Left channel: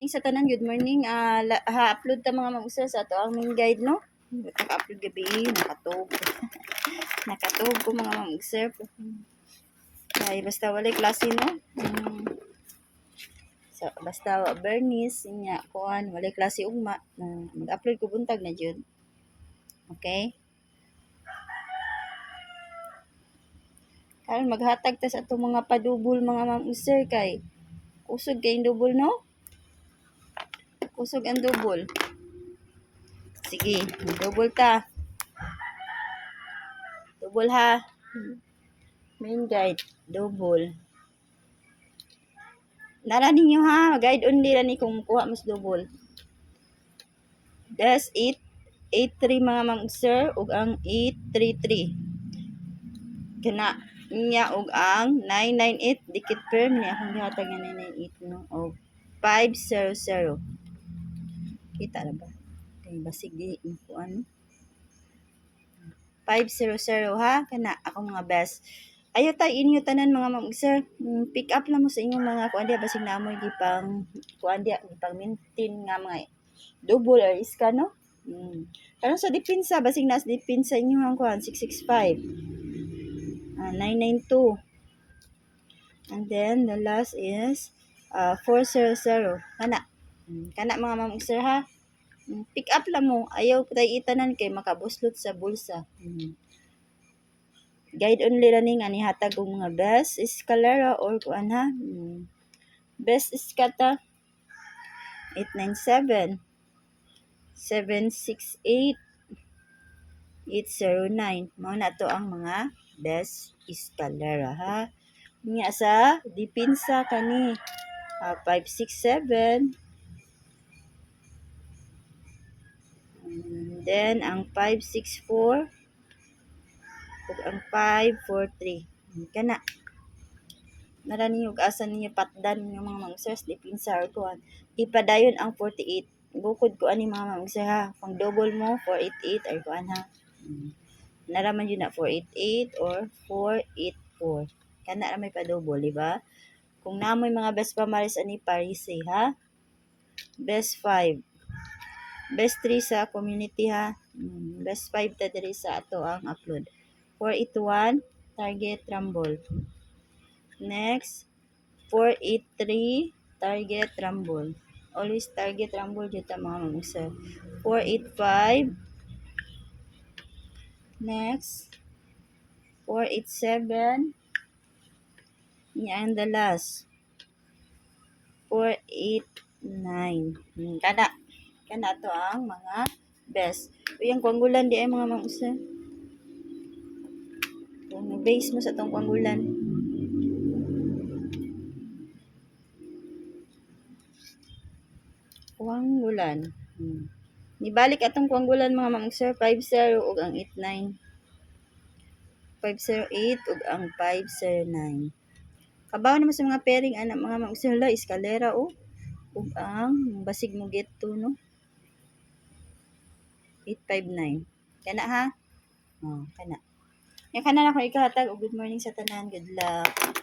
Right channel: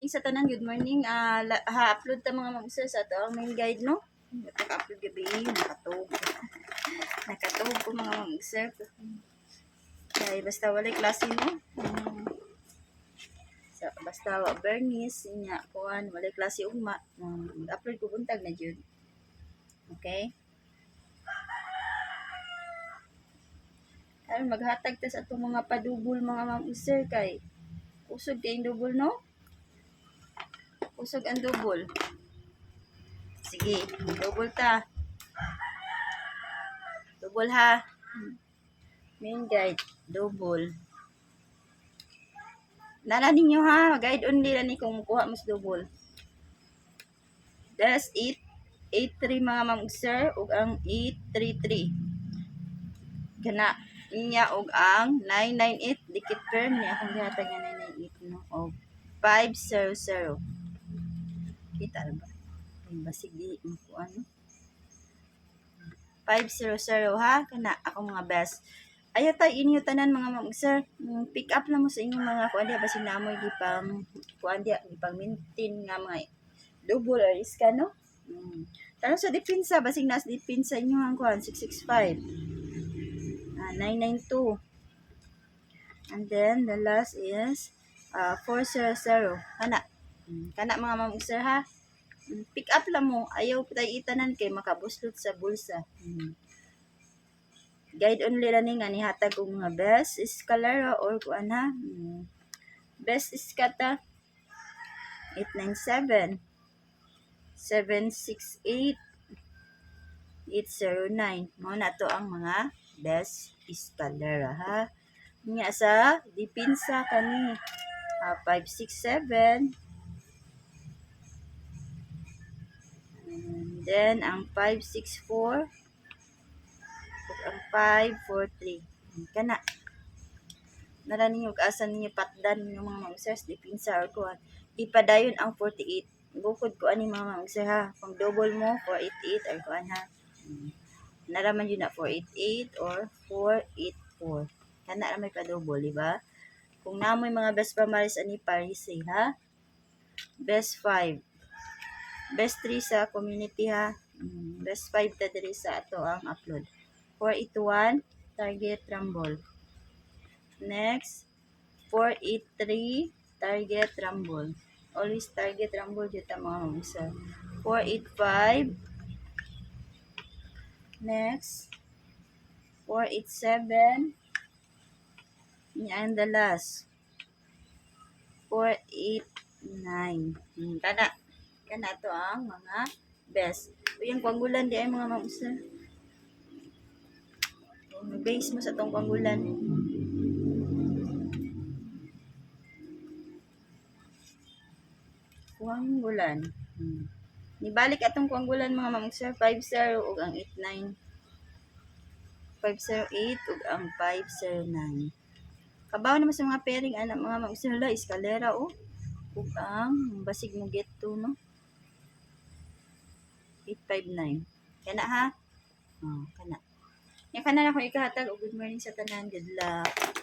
Sa tanan, good morning. Ha-upload ta mga mag-sir sa ato ang main guide, no? Naka-upload gabi, nakatog. Nakatog ko mga mag-sir. Kaya basta walay klase, no? So, basta Bernice, niya, kuan, walay klase ugma. Mag-upload ko buntag na jud. Okay? Karon maghatag ta sa ato mga padubol mga mag-sir kay usog kay double, no? Usog ang double. Sige, double ta. Double ha. Main guide, double. Nara ninyo ha, guide only ra ni kung kuha mas double. Das 883 mga ma'am sir ug ang 833. Kana niya og ang 998 dikit per ni akong gihatag nga 998 no og 500. Kita ra ba? Kay basig di makuan. 500 ha kana akong mga best. Ayo tayo inyo tanan mga ma'am sir. Pick up lang mo sa inyong mga kuan dia basig namoy gipang kuan dia gipang maintain nga mga double or iska no. Pero sa depensa basig nas depensa inyo ang kuan 665. 992. And then the last is 400. Kana. Kana mga ma'am sir ha. Pick up lang mo. Ayaw tayo itanan kay makabuslot sa bulsa. Guide only running ani hatag og mga best escalera or kuan ha. Best iskata 897 768 809. Mao na to ang mga best escalera ha. Nga sa depensa kani 567. And then ang 564 ug ang 543. Kana nara ninyo asan ninyo patdan ng mga magsers depensa or kuan. Ipadayon ang 48. Bukod ko ani mga magsers ha. Pang double mo 488 or kuan ha. Naraman yun na 488 or 484. Kana ra may pa-double, di ba? Kung namoy mga best pamaris ani Paris ha. Best 5. Best 3 sa community ha. Best 5 ta diri sa ato ang upload. 481 target rumble. Next 483 target rumble. Always target rumble jud ta mga mamusa. 485. Next 487. Yan the last 489. Kana to ang mga best. Uyang kwanggulan di ay mga mamusa. Kung base mo sa tong kwanggulan. Kwanggulan. Nibalik atong kwanggulan mga mamusa 50 ug ang 89. 508 ug ang 509. Kabaw naman sa mga pairing ana mga mamusa la eskalera o ug ang basig mo get to no. 859. Kana ha? Kana. Yan kana na ko ikahatag og good morning sa tanan. Good luck.